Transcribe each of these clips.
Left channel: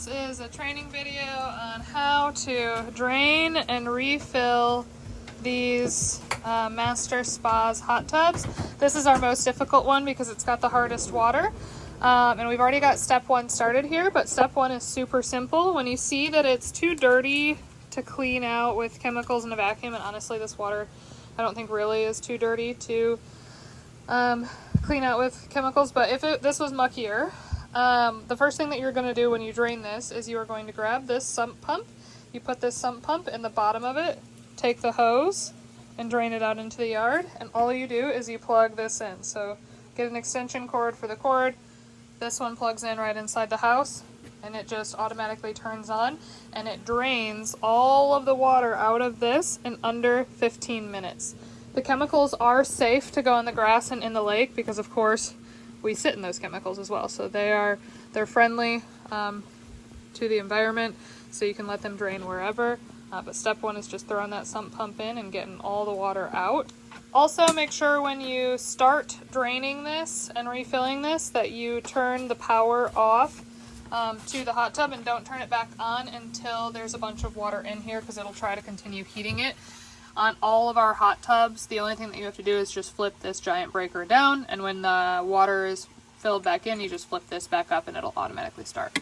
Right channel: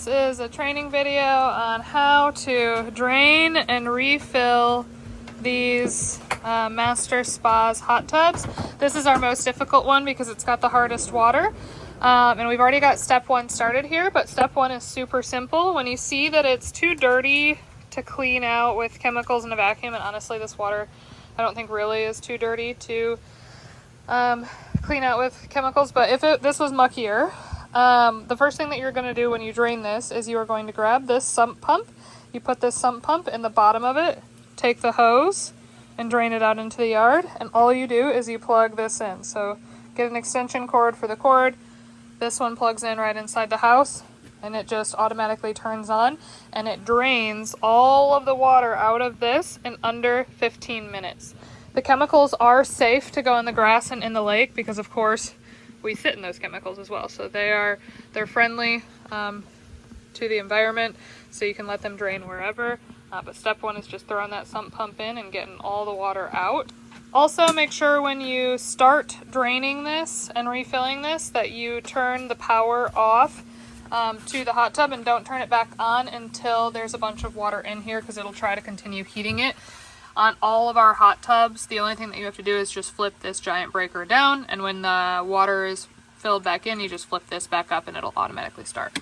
This is a training video on how to drain and refill these Master Spas hot tubs. This is our most difficult one because it's got the hardest water. And we've already got step one started here, but step one is super simple. When you see that it's too dirty to clean out with chemicals in a vacuum, and honestly this water I don't think really is too dirty to clean out with chemicals, but if this was muckier, the first thing that you're going to do when you drain this is you are going to grab this sump pump. You put this sump pump in the bottom of it, take the hose and drain it out into the yard, and all you do is you plug this in. So get an extension cord for the cord. This one plugs in right inside the house and it just automatically turns on and it drains all of the water out of this in under 15 minutes. The chemicals are safe to go in the grass and in the lake because of course we sit in those chemicals as well. So they're friendly to the environment, so you can let them drain wherever. But step one is just throwing that sump pump in and getting all the water out. Also make sure when you start draining this and refilling this that you turn the power off to the hot tub and don't turn it back on until there's a bunch of water in here, because it'll try to continue heating it. On all of our hot tubs, the only thing that you have to do is just flip this giant breaker down, and when the water is filled back in, you just flip this back up and it'll automatically start.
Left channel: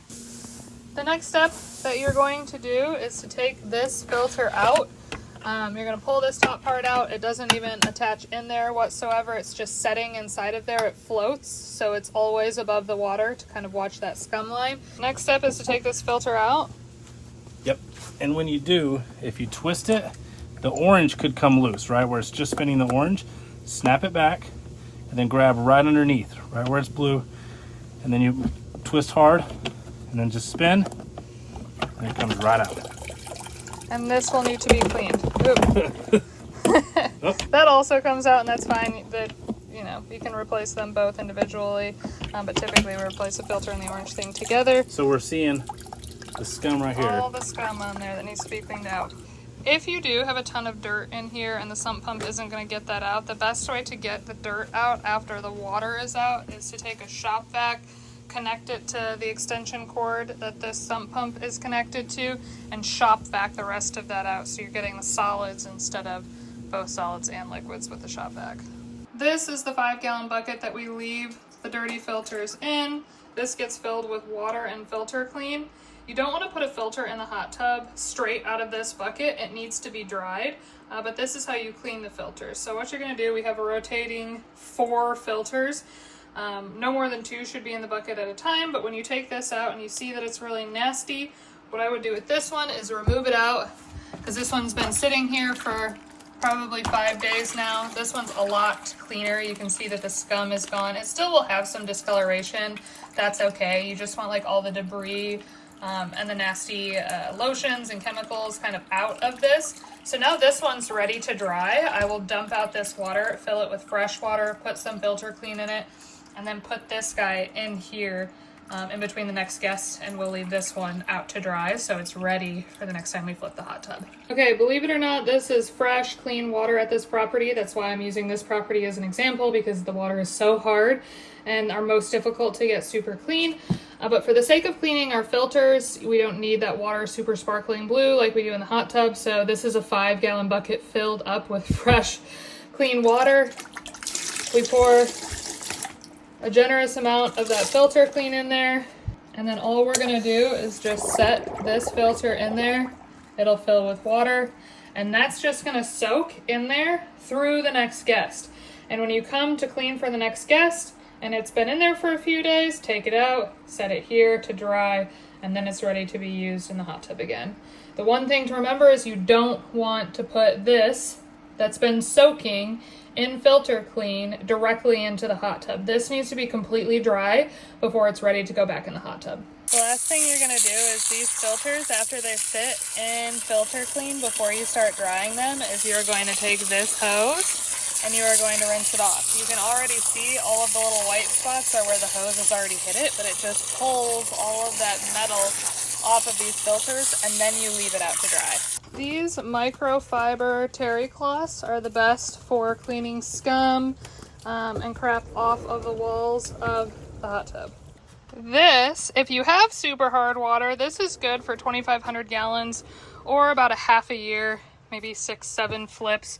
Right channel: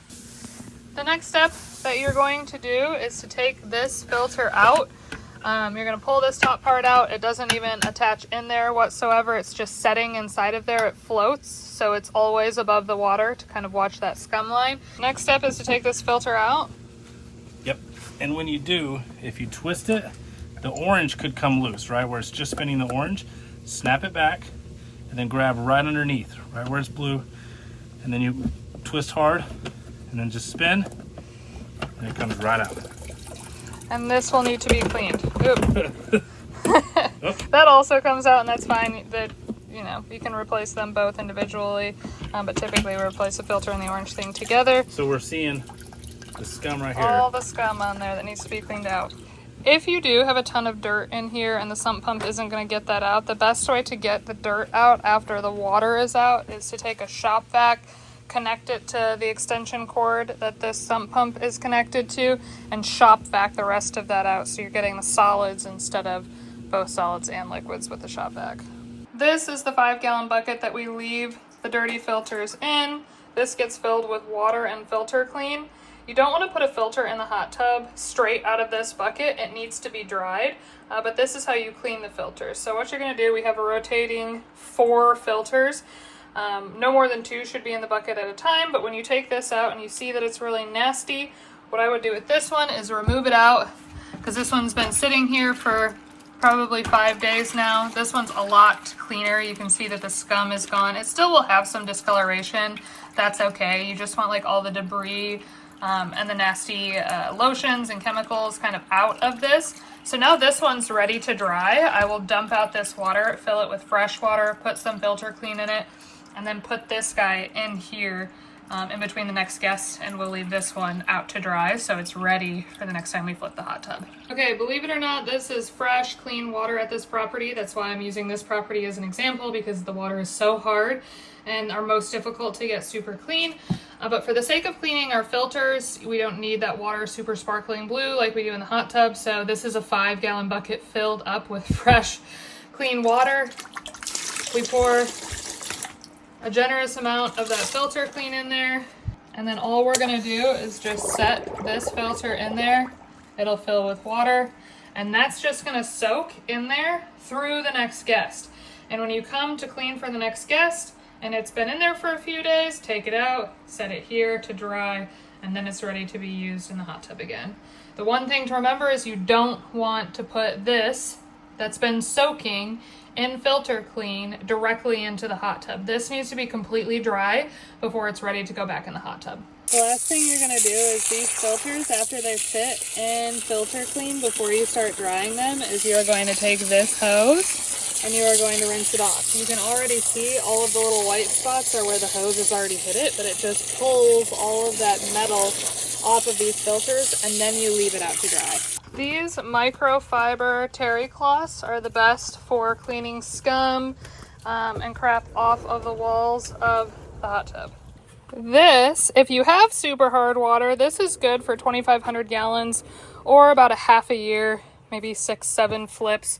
The next step that you're going to do is to take this filter out. You're going to pull this top part out. It doesn't even attach in there whatsoever. It's just setting inside of there. It floats, so it's always above the water to kind of watch that scum line. Next step is to take this filter out. Yep, and when you do, if you twist it, the orange could come loose, right? Where it's just spinning the orange. Snap it back and then grab right underneath, right where it's blue. And then you twist hard and then just spin and it comes right out. And this will need to be cleaned. That also comes out, and that's fine. You can replace them both individually, but typically we replace the filter and the orange thing together. So we're seeing the scum right here. All the scum on there that needs to be cleaned out. If you do have a ton of dirt in here and the sump pump isn't going to get that out, the best way to get the dirt out after the water is out is to take a shop vac, connect it to the extension cord that this sump pump is connected to, and shop vac the rest of that out, so you're getting the solids instead of both solids and liquids with the shop vac. This is the 5-gallon bucket that we leave the dirty filters in. This gets filled with water and filter clean. You don't want to put a filter in the hot tub straight out of this bucket. It needs to be dried, but this is how you clean the filters. So what you're going to do, we have a rotating 4 filters. No more than 2 should be in the bucket at a time, but when you take this out and you see that it's really nasty, what I would do with this one is remove it out, because this one's been sitting here for probably 5 days now. This one's a lot cleaner. You can see that the scum is gone. It still will have some discoloration. That's okay. You just want like all the debris and the nasty lotions and chemicals kind of out of this. So now this one's ready to dry. I will dump out this water, fill it with fresh water, put some filter clean in it, and then put this guy in here in between the next guest, and we'll leave this one out to dry so it's ready for the next time we flip the hot tub. Okay, believe it or not, this is fresh, clean water at this property. That's why I'm using this property as an example, because the water is so hard and are most difficult to get super clean. But for the sake of cleaning our filters, we don't need that water super sparkling blue like we do in the hot tub. So this is a 5-gallon bucket filled up with fresh, clean water. We pour a generous amount of that filter clean in there, and then all we're gonna do is just set this filter in there. It'll fill with water, and that's just gonna soak in there through the next guest. And when you come to clean for the next guest and it's been in there for a few days, take it out, set it here to dry, and then it's ready to be used in the hot tub again. The one thing to remember is you don't want to put this that's been soaking in filter clean directly into the hot tub. This needs to be completely dry before it's ready to go back in the hot tub. The last thing you're gonna do is these filters, after they sit in filter clean before you start drying them, is you're going to take this hose and you are going to rinse it off. You can already see all of the little white spots are where the hose has already hit it, but it just pulls all of that metal off of these filters, and then you leave it out to dry. These microfiber terry cloths are the best for cleaning scum and crap off of the walls of the hot tub. This, if you have super hard water, this is good for 2,500 gallons or about a half a year, maybe 6-7 flips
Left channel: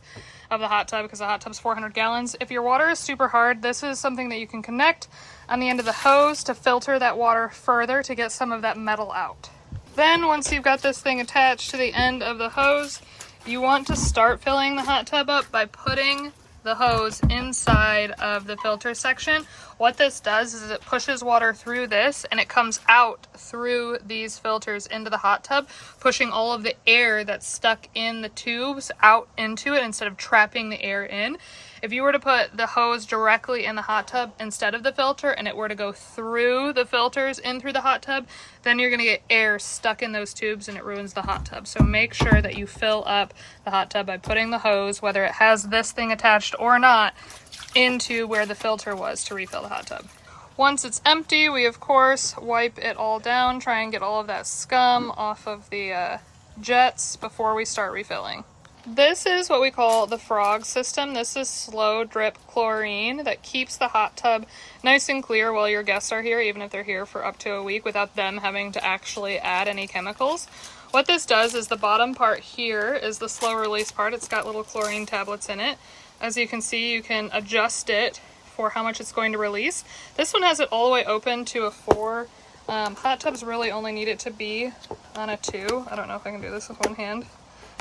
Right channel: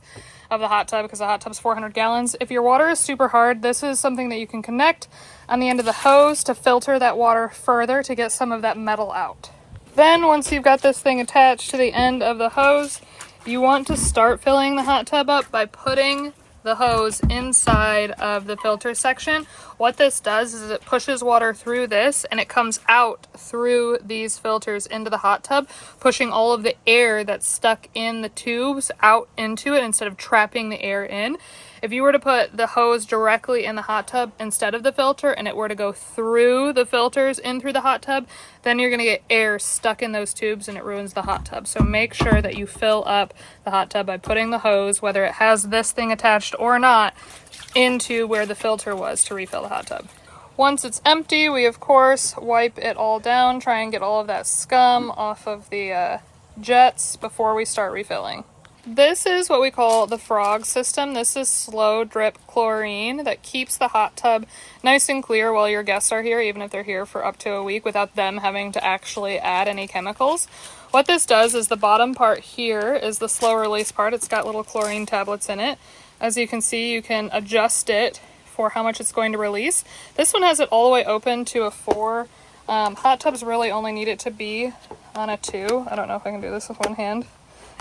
of the hot tub, because the hot tub's 400 gallons. If your water is super hard, this is something that you can connect on the end of the hose to filter that water further to get some of that metal out. Then once you've got this thing attached to the end of the hose, you want to start filling the hot tub up by putting the hose inside of the filter section. What this does is it pushes water through this and it comes out through these filters into the hot tub, pushing all of the air that's stuck in the tubes out into it instead of trapping the air in. If you were to put the hose directly in the hot tub instead of the filter and it were to go through the filters in through the hot tub, then you're going to get air stuck in those tubes and it ruins the hot tub. So make sure that you fill up the hot tub by putting the hose, whether it has this thing attached or not, into where the filter was to refill the hot tub. Once it's empty, we of course wipe it all down, try and get all of that scum off of the jets before we start refilling. This is what we call the frog system. This is slow drip chlorine that keeps the hot tub nice and clear while your guests are here, even if they're here for up to a week, without them having to actually add any chemicals. What this does is the bottom part here is the slow release part. It's got little chlorine tablets in it. As you can see, you can adjust it for how much it's going to release. This one has it all the way open to a 4. Hot tubs really only need it to be on a 2. I don't know if I can do this with one hand.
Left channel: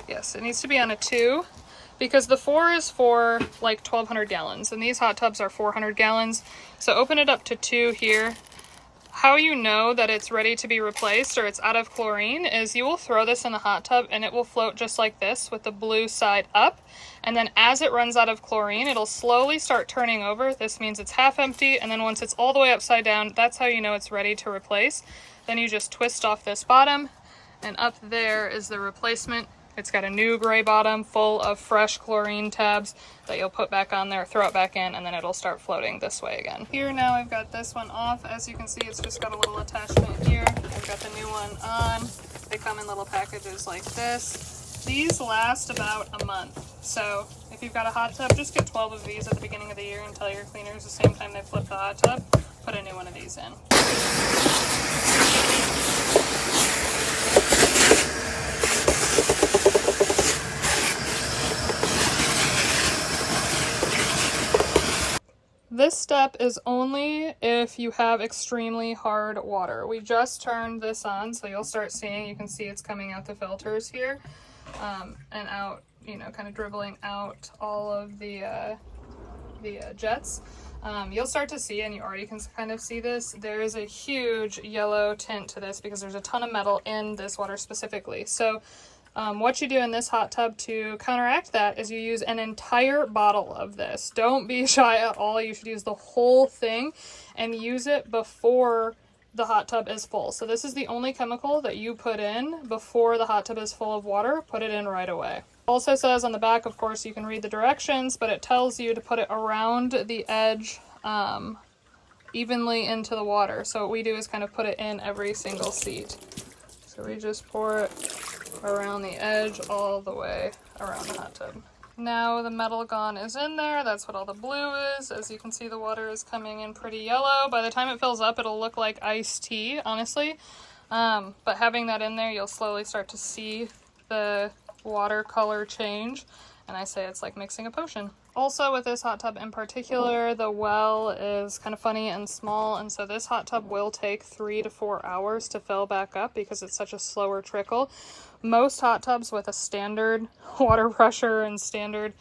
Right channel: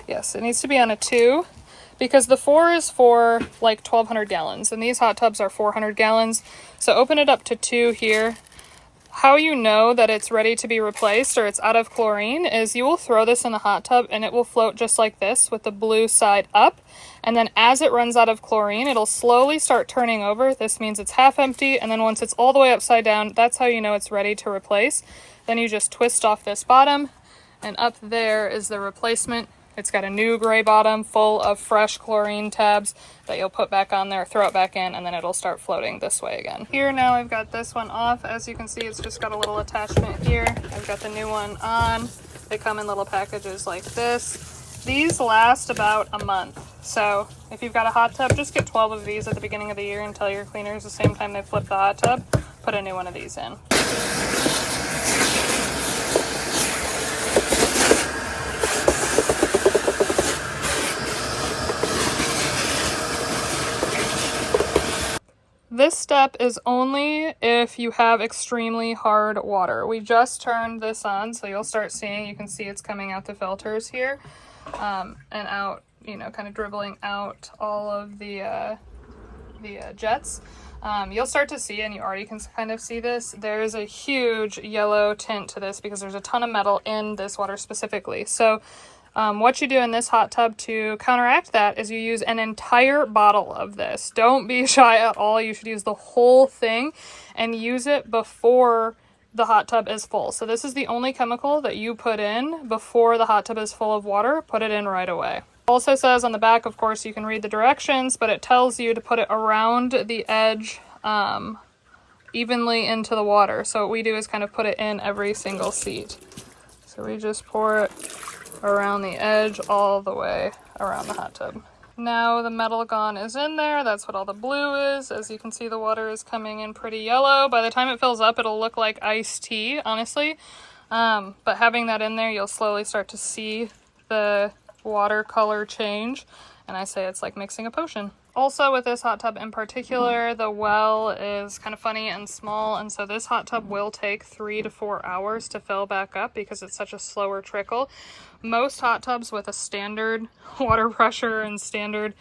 Yes, it needs to be on a 2 because the 4 is for like 1,200 gallons and these hot tubs are 400 gallons. So open it up to 2 here. How you know that it's ready to be replaced or it's out of chlorine is you will throw this in the hot tub and it will float just like this with the blue side up. And then as it runs out of chlorine, it'll slowly start turning over. This means it's half empty. And then once it's all the way upside down, that's how you know it's ready to replace. Then you just twist off this bottom and up there is the replacement. It's got a new gray bottom full of fresh chlorine tabs that you'll put back on there, throw it back in, and then it'll start floating this way again. Here now I've got this one off. As you can see, it's just got a little attachment here. I've got the new one on. They come in little packages like this. These last about a month. So if you've got a hot tub, just get 12 of these at the beginning of the year and tell your cleaners the same time they flip the hot tub, put a new one of these in. This step is only if you have extremely hard water. We just turned this on, so you'll start seeing, you can see it's coming out the filters here, and out, you know, kind of dribbling out all of the jets. You'll start to see, and you already can kind of see this, there's a huge yellow tint to this because there's a ton of metal in this water specifically. So what you do in this hot tub to counteract that is you use an entire bottle of this. Don't be shy at all. You should use the whole thing and use it before the hot tub is full. So this is the only chemical that you put in before the hot tub is full of water. Put it in right away. Also says on the back, of course, you can read the directions, but it tells you to put it around the edge evenly into the water. So what we do is kind of put it in every single seat. So we just pour it around the edge all the way around the hot tub. Now the metal gone is in there. That's what all the blue is. As you can see, the water is coming in pretty yellow. By the time it fills up, it'll look like iced tea, honestly. But having that in there, you'll slowly start to see the water color change. And I say it's like mixing a potion. Also with this hot tub in particular, the well is kind of funny and small. And so this hot tub will take 3 to 4 hours to fill back up because it's such a slower trickle. Most hot tubs with a standard water pressure and standard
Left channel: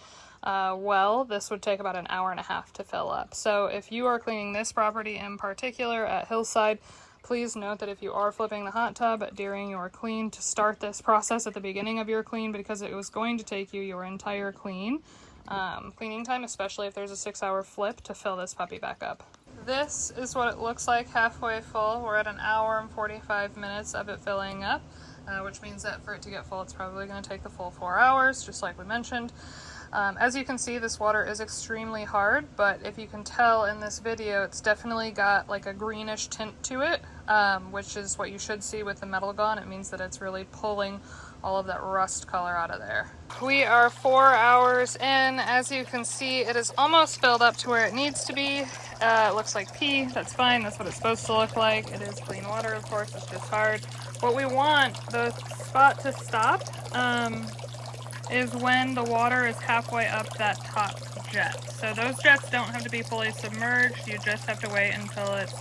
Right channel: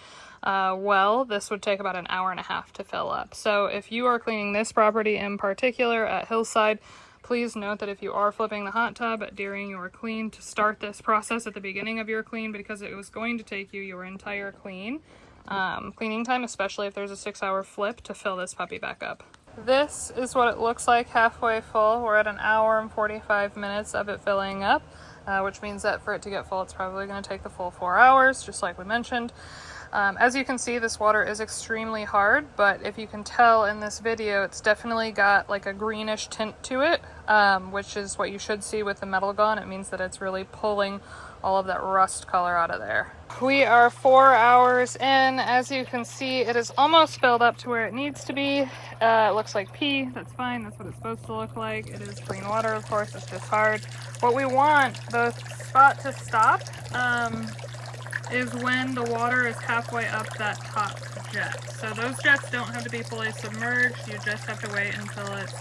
well, this would take about an hour and a half to fill up. So if you are cleaning this property in particular at Hillside, please note that if you are flipping the hot tub during your clean, to start this process at the beginning of your clean because it was going to take you your entire cleaning time, especially if there's a 6-hour flip, to fill this puppy back up. This is what it looks like halfway full. We're at an hour and 45 minutes of it filling up. Which means that for it to get full, it's probably going to take the full 4 hours, just like we mentioned. As you can see, this water is extremely hard, but if you can tell in this video, it's definitely got like a greenish tint to it, which is what you should see with the metal gone. It means that it's really pulling all of that rust color out of there. We are 4 hours in. As you can see, it is almost filled up to where it needs to be. It looks like pee. That's fine. That's what it's supposed to look like. It is clean water, of course. It's just hard. What we want the spot to stop is when the water is halfway up that top jet. So those jets don't have to be fully submerged. You just have to wait until it's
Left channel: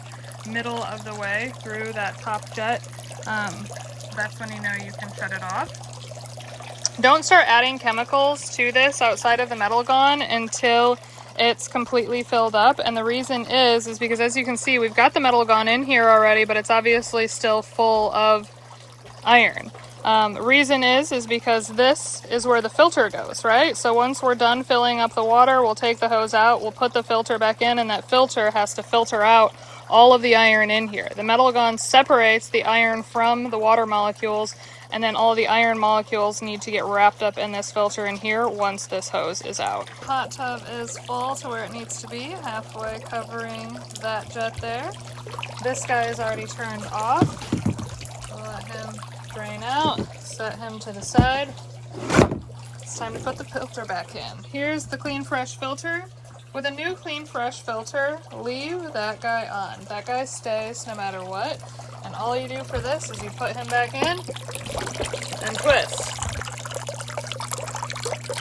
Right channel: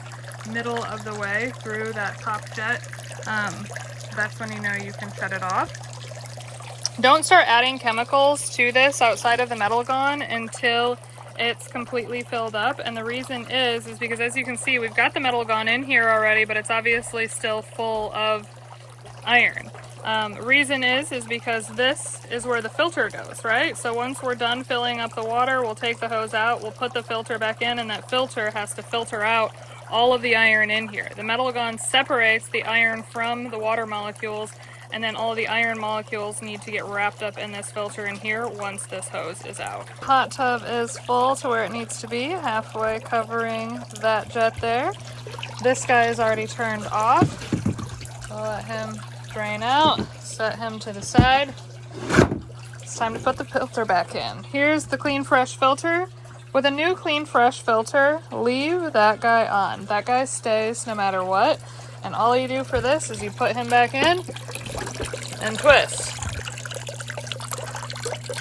middle of the way through that top jet. That's when you know you can shut it off. Don't start adding chemicals to this outside of the Metalgon until it's completely filled up. And the reason is because as you can see, we've got the Metalgon in here already, but it's obviously still full of iron. The reason is because this is where the filter goes, right? So once we're done filling up the water, we'll take the hose out, we'll put the filter back in, and that filter has to filter out all of the iron in here. The Metalgon separates the iron from the water molecules, and then all the iron molecules need to get wrapped up in this filter in here once this hose is out. Hot tub is full to where it needs to be, halfway covering that jet there. This guy is already turned off. We'll let him drain out, set him to the side. It's time to put the filter back in. Here's the Clean Fresh filter. With a new Clean Fresh filter, leave that guy on. That guy stays no matter what. And all you do for this is you put him back in and twist.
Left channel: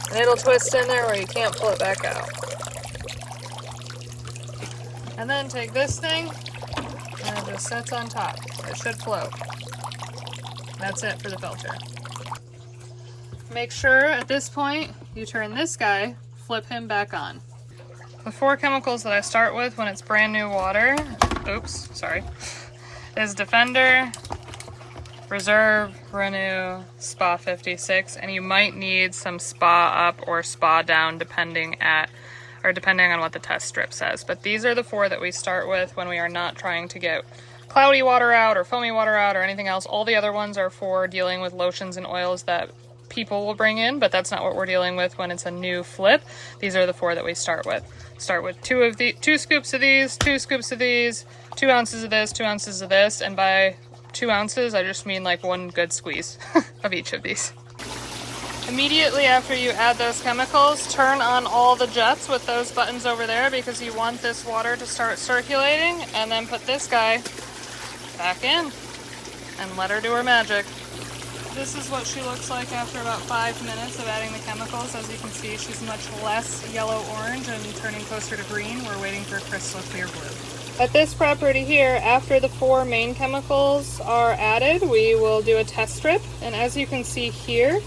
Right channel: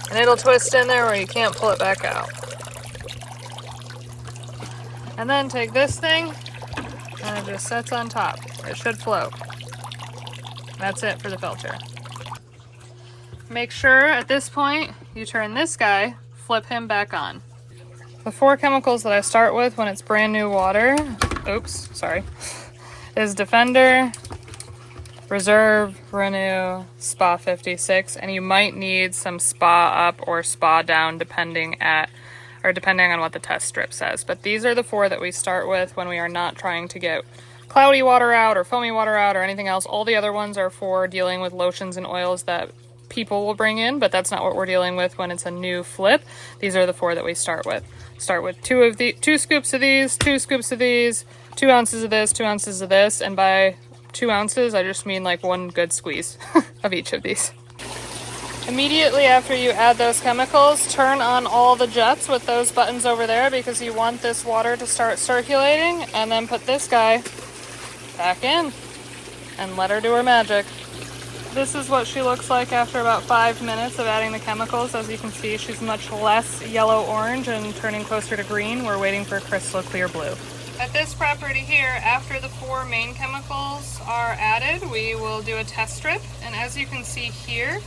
And it'll twist in there where you can't pull it back out. And then take this thing and it just sits on top. It should float. That's it for the filter. Make sure at this point you turn this guy, flip him back on. The 4 chemicals that I start with when it's brand new water, is Defender, Reserve, Renew, Spa 56, and you might need some Spa up or Spa down depending on what the test strip says. But these are the 4 that we start with when we are not trying to get cloudy water out or foamy water out or anything else. All the other ones are for dealing with lotions and oils that people will bring in, but that's not what we're dealing with when it's a new flip. These are the 4 that we start with. Start with 2 scoops of these, 2 scoops of these, 2 ounces of this, 2 ounces of this, and by 2 ounces, I just mean like 1 good squeeze of each of these. Immediately after you add those chemicals, turn on all the jets with those buttons over there because you want this water to start circulating, and then put this guy back in and let her do her magic. This is what she looks like after about 5 minutes of adding the chemicals. As you can see, she's much less yellow-orange and turning closer to green. We're waiting for crystal clear blue. At this property here, after the 4 main chemicals are added, we will do a test strip. And as you can see here,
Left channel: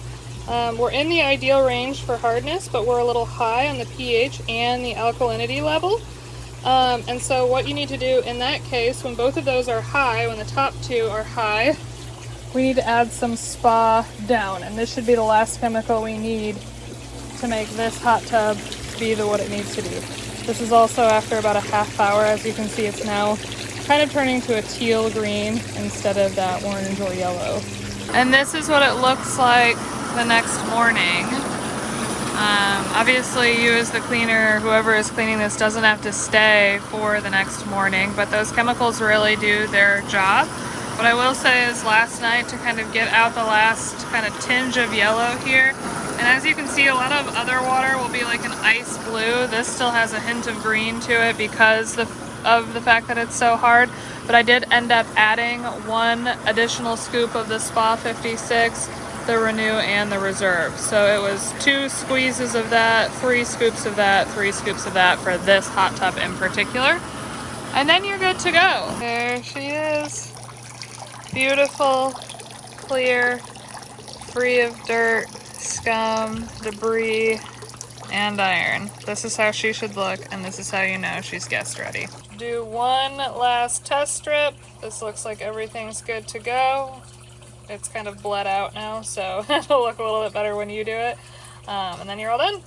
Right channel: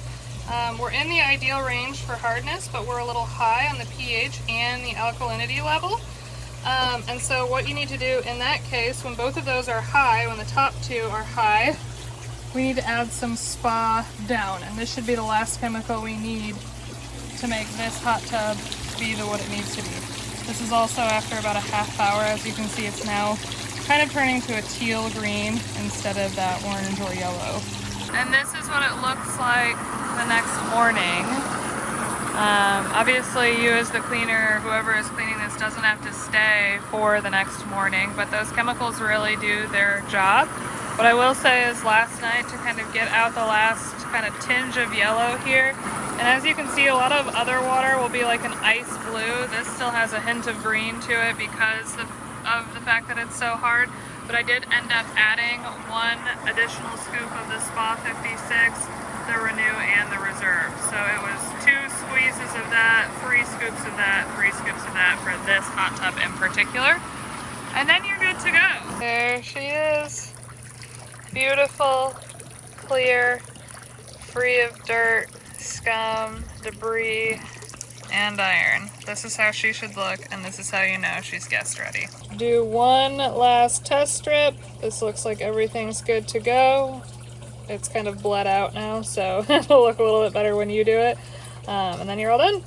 we're in the ideal range for hardness, but we're a little high on the pH and the alkalinity level. And so what you need to do in that case, when both of those are high, when the top 2 are high, we need to add some Spa down, and this should be the last chemical we need to make this hot tub be what it needs to be. This is also after about a half hour. As you can see, it's now kind of turning to a teal green instead of that orange or yellow. And this is what it looks like the next morning. Obviously, you as the cleaner, whoever is cleaning this, doesn't have to stay for the next morning, but those chemicals really do their job. What I will say is last night, to kind of get out the last kind of tinge of yellow here, and as you can see, a lot of other water will be like an ice blue. This still has a hint of green to it because of the fact that it's so hard, but I did end up adding 1 additional scoop of the Spa 56, the Renew, and the Reserve. So it was 2 squeezes of that, 3 scoops of that, 3 scoops of that for this hot tub in particular. And then you're good to go. There she is. Beautiful, clear, free of dirt, scum, debris, and iron. This is how she should look, and this is how you know she's guest ready. Do 1 last test strip. This looks like everything's good to go. It's kind of bled out now, so it'll look a little bit better when you do it. And then you're all done.